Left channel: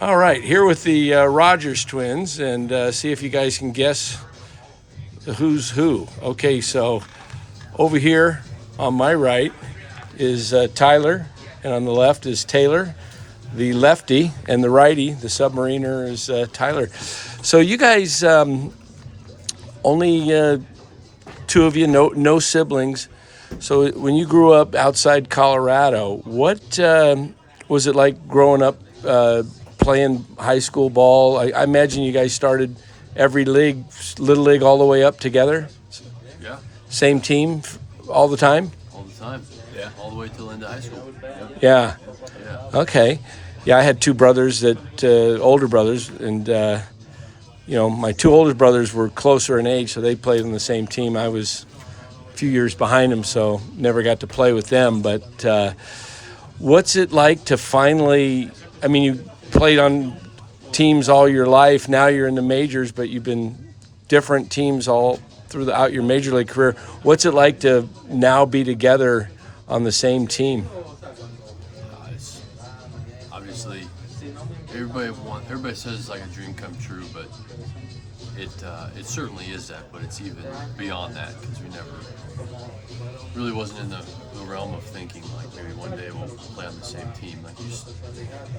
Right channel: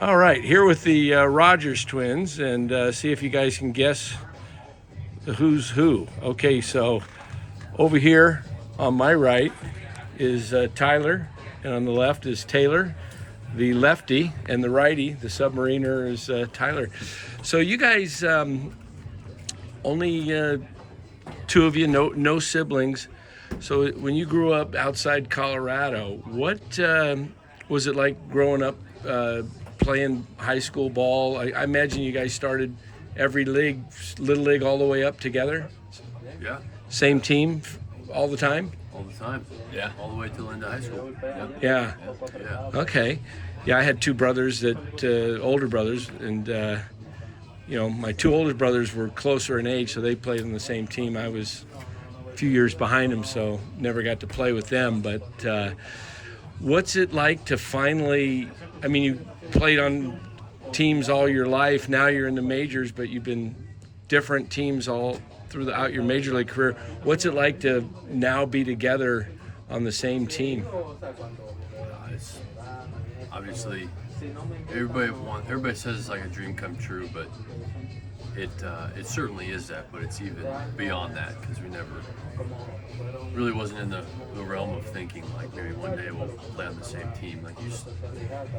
All right, here with the Rogers twins, and see if you guys can guess the who's who. Okay, so over here on my right is Tyler, and on the left is Taylor, the lefty, and the righty, the submariner, is Tyler. So you guys, only two of you, no siblings. So when you grew up outside Colorado, what was it like growing up playing high school ball? I imagine you guys started every league, little league, all the way up together. Yeah, Same team all the time. all the time. Yeah, all the way till end of high school. Yeah. Yeah. Okay. Yeah, I had two brothers older brothers, and my two older brothers were closer in age, so they played on the same team. I was a few years behind them, so never got to play with them. But what's it like to finally? I mean, you played on teams all your life. Now you're in the majors, but you've been different teams all throughout your major league career. What's it like to now be together on the same team? It's obviously everybody says it's like a dream come true, but it certainly is that. But it's even beyond that because we never really wasn't in the realm of thinking like maybe one day we'll play on the same team. Like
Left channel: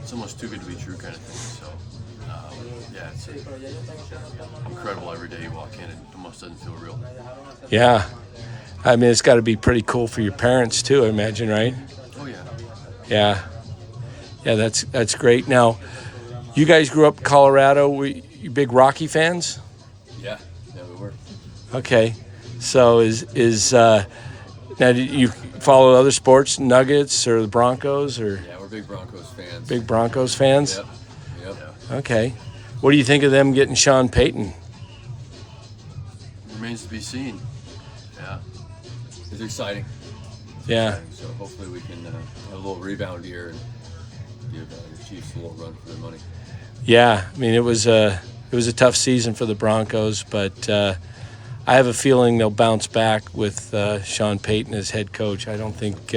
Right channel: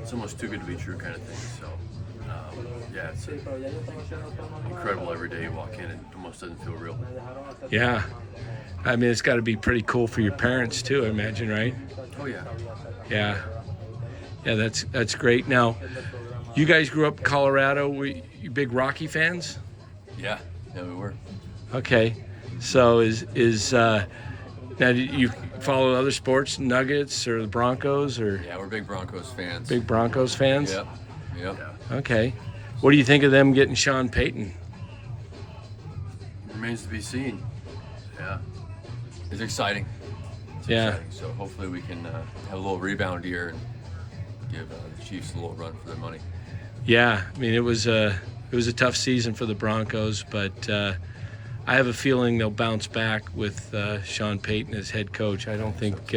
it's almost too good to be true kind of thing. So yeah, it's incredible every day you walk in. It almost doesn't feel real. Yeah. I mean, it's got to be pretty cool for your parents too, I imagine, right? Oh yeah. Yeah. Yeah, that's great. Now, you guys grew up in Colorado. Were you big Rocky fans? Yeah, we were. Okay. So now do you follow other sports, Nuggets or the Broncos, or Yeah, we're big Broncos fans. big Broncos fans? Yep. Okay. What do you think of them getting Sean Payton? Remains to be seen. Yeah, it's exciting. Yeah. So hopefully we can have a little rebound here and give the Chiefs a little run for their money. Yeah. I mean, it was a tough season for the Broncos, but I have a feeling they'll bounce back with Sean Payton as head coach. I don't think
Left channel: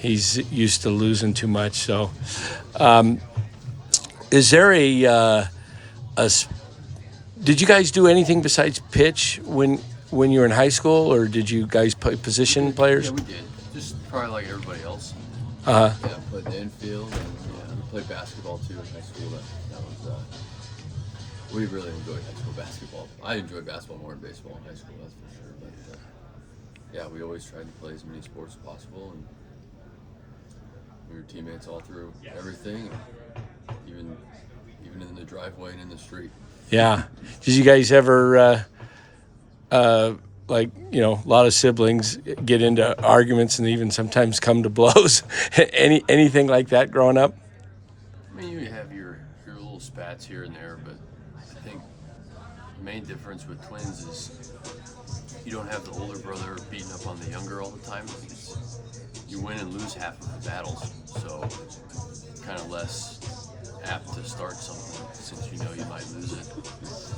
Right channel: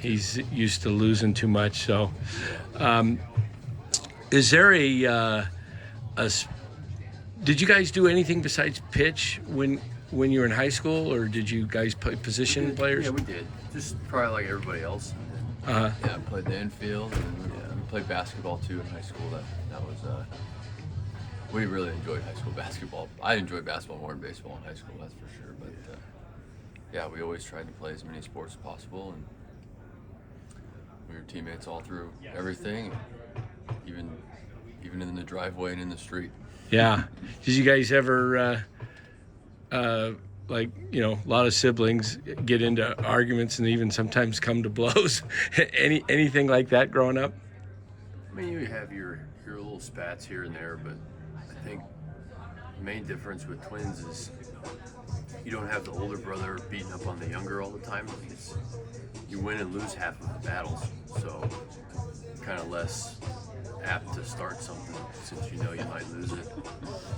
he's used to losing too much. So, is there did you guys do anything besides pitch when you were in high school, or did you guys play position players? Yeah, we did. Just probably like everybody else. Uh-huh. Yeah, played the infield, and we played basketball too in high school. That was we really enjoyed high school basketball. I enjoyed basketball more than baseball in high school, that's for sure. But yeah, we always tried to play as many sports as possible, and we were teammates all through everything, even in the driveway and in the street. Yeah. Did you guys ever, a lot of siblings get into arguments and even sometimes come to blows? Anything like that growing up? I mean, you have your little spats here and there, but I think the main difference with twins is you don't have the older brother beating up on the younger all the time. You win and lose half of the battles, so kind of less apt to start something since you know you might lose it.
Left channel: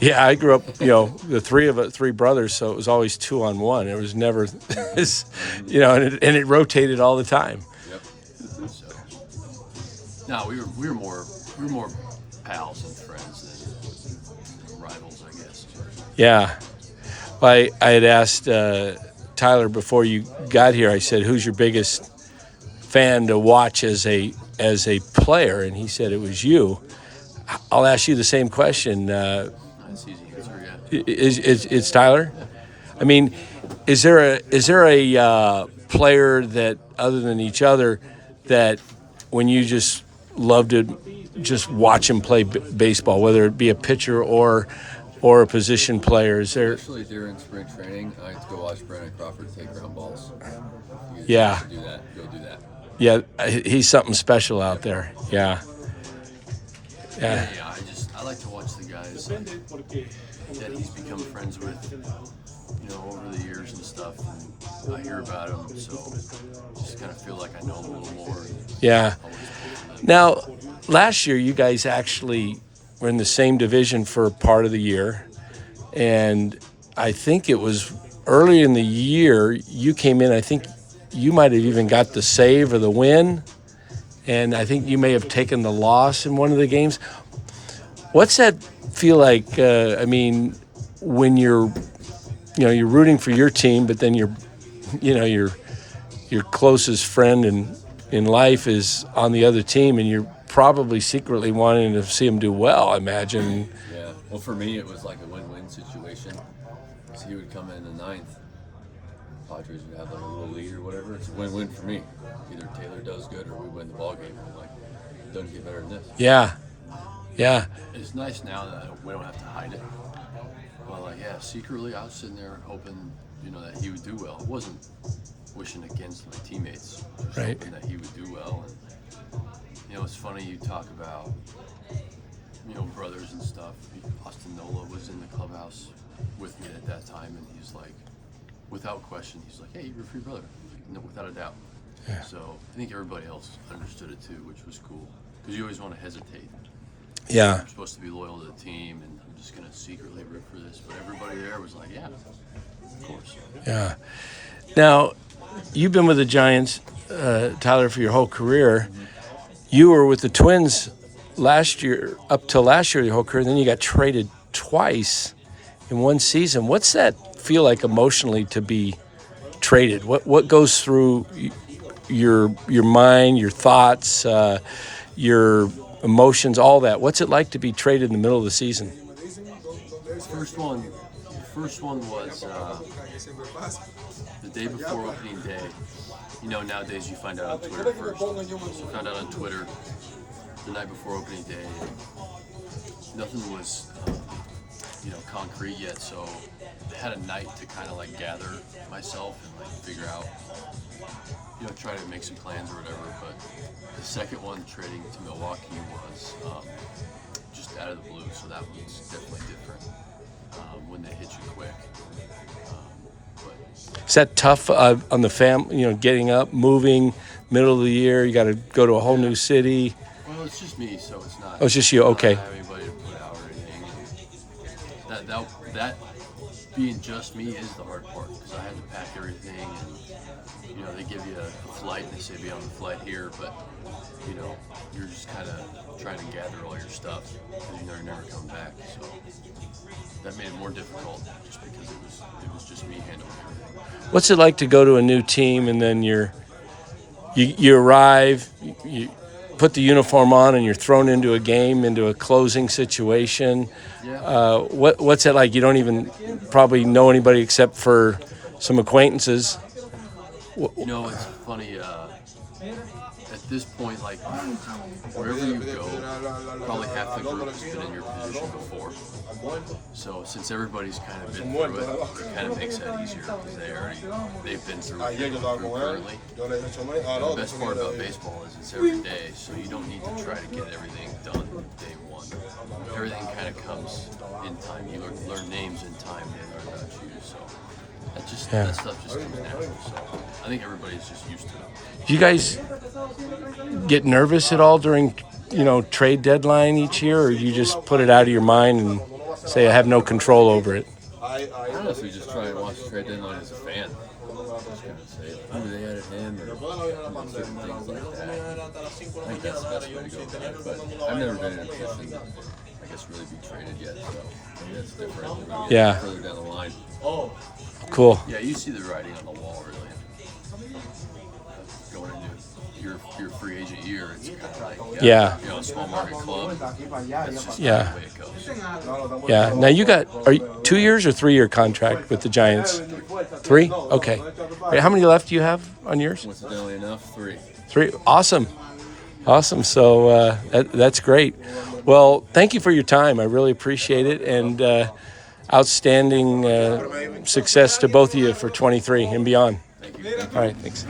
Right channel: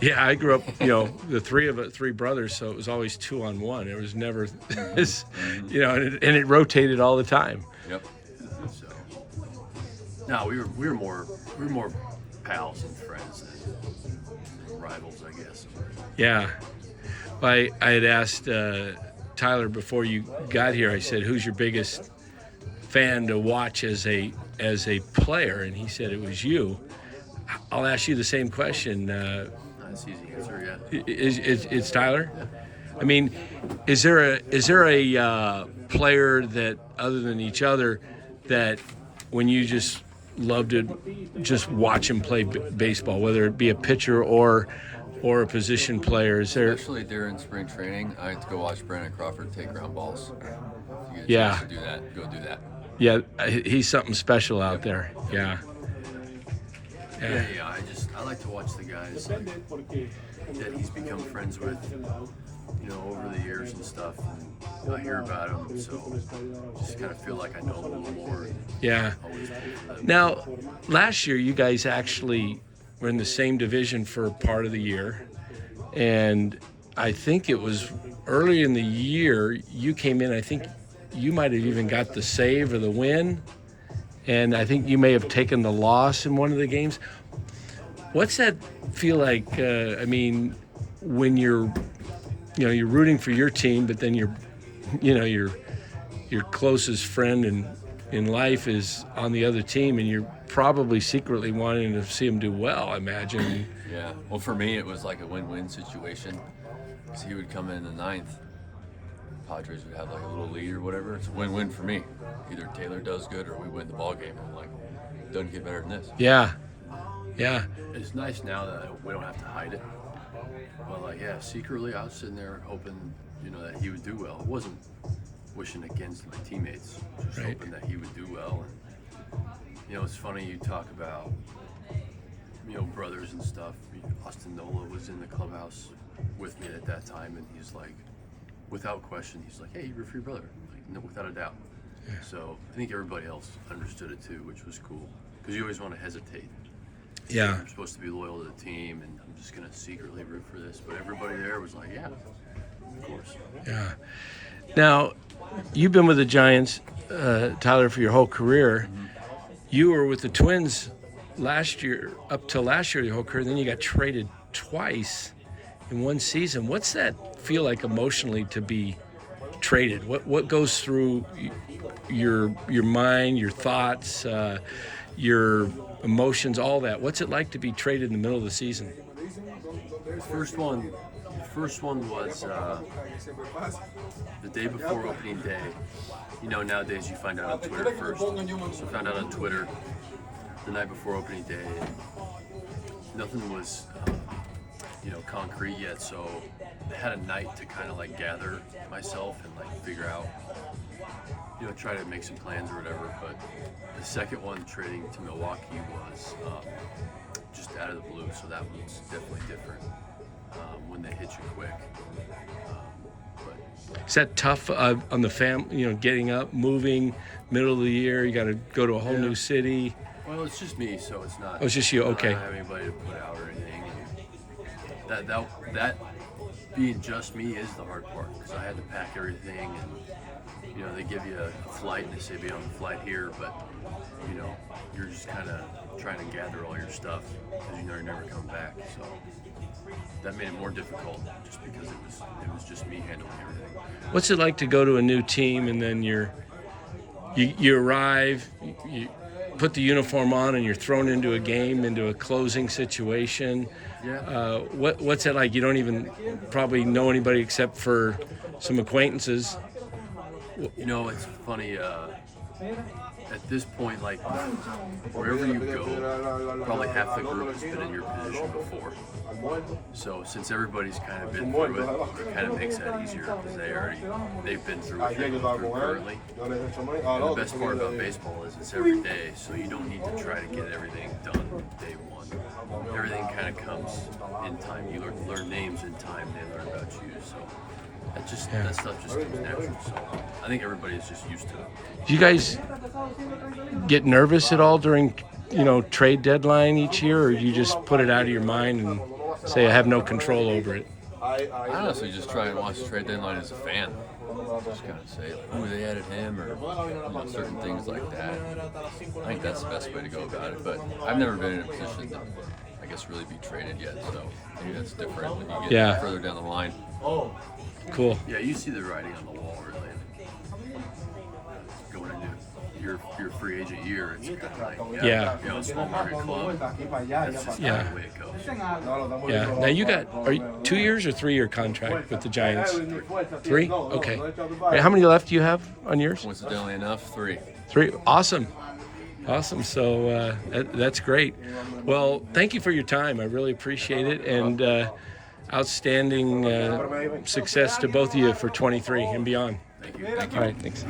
Yeah, I grew up, the three brothers, so it was always 2-on-1. It was never, and it rotated all the time. Yep. So, no, we were more pals and friends than rivals, I guess. Yeah. Well, I had asked Tyler before you got here. I said, "Who's your biggest fan to watch as a player?" And he said it was you. I'll ask you the same question. That's easy answer, yeah. It's Tyler? I mean, is there a player that, other than each other, that when you just love to just watch him play baseball, whether it be a pitcher or a position player? Is there? Especially during spring training, I had to go watch Brandon Crawford take ground balls. Yeah. Do that. Go do that. Yeah, he's something special out there. Yeah. Yeah. I like to watch the guys that he's become friends with, over the years and stuff. And I hear about him, so just kind of feel like I know him a little more. Yeah. Now, last year you guys actually were in the same division for part of the year, and I think it was early in the year you came in. I think you might have even got the save or the win, and I think you may have taken the loss in one of the games. What's that feel like? I mean, when you're rooting for your team, but then your closest friend in life is on the other team, and you're probably secretly wanting to see them do well, I imagine. Yeah. Well, for me, it was like a win-win situation. So he would come in the ninth. Padres would have like a little lead or whatever. It's a win-win for me. Either Taylor does good or we win the ball game. And I'm like, it doesn't get better than this. Yeah. Yeah. It's nice now that we don't have to hide it. But like, yeah, secretly I was sitting there hoping, that he would do well. It wasn't wishing against my teammates, just Right. hoping that he would do well. And it's funny you talk about, brothers and stuff. Austin Nola was in the clubhouse with me at that time, and he's like, without question, he's like, "Hey, you're for your brother," no, without a doubt. Yeah. So I think everybody else understood it too, which was cool, because you always want to hesitate. Yeah. You're supposed to be loyal to the team, and I'm just gonna secretly root for this. But everybody there was like, "Yeah, of course." Yeah. Now, you've been with the Giants, Tyler, for your whole career. Mm-hmm. You were with the Twins last year, up till last year, your whole career. Then you got traded twice in one season. What's that feel like emotionally to be traded? What goes through your mind, your thoughts, your emotions, all that? What's it like to be traded in the middle of the season? The first one was the day before opening day. Nowadays you find out on Twitter first. So I found out on Twitter the night before opening day. Nothing was, concrete yet. So I had a night to kind of like gather myself and like figure out, try to make some plans or whatever. But the second one, trading to Milwaukee, was just out of the blue. So that was definitely different when they hit you quick. Is that tough on the family, getting up, moving, middle of the year, you got to go to a whole new city? Well, it's just me, so it's not. Oh, it's just you, okay. I don't have anybody to put out or anything. And that being just me is the hard part, because I had to pack everything, and they give you a flight and they say be on the flight here, but you're just kind of trying to gather all your stuff because you're never coming back. So that made it more difficult, just because it was just me handling everything. What's it like to go to a new team and then you arrive, you put the uniform on, and you're thrown into a game, into a closing situation? Yeah. What's it like? You don't even probably know anybody except for some acquaintances. It's funny. At this point, like, wherever you go, probably half the group has been in your position before. So since everybody's kind of been through it kind of makes that easier, because they've been through what you're going through currently. And the best part about baseball is it's every day, so you don't need to try to get everything done day one. Everything kind of comes in time. You learn names in time, they learn about you. So that stuff just comes natural. So I think everybody's just used to it. Do you guys get nervous at all during, trade deadline each year, or you just put it out of your mind and say I have no control over it? I honestly just try and watch the trade deadline as a fan. Just kind of say, like, they added him, or certain things like that. I think that's the best way to go about it. But I've never been in a position to, I guess, really be traded yet. So maybe that's different when you get further down the line. Cool. Yeah, you see the writing on the wall, really. Going into your free agent year, it's kind of like, a small market club. That's just kind of the way it goes. Yeah. Now are you 2 years or 3 year contract with the Giants? 3? Okay. Wait, how many left do you have on yours? Coincidentally enough, 3. 3. Awesome. So that's great. Well, thank you for your time. I really appreciate it, and outstanding success to both of you for 23 and beyond. Thank you. All right, thanks.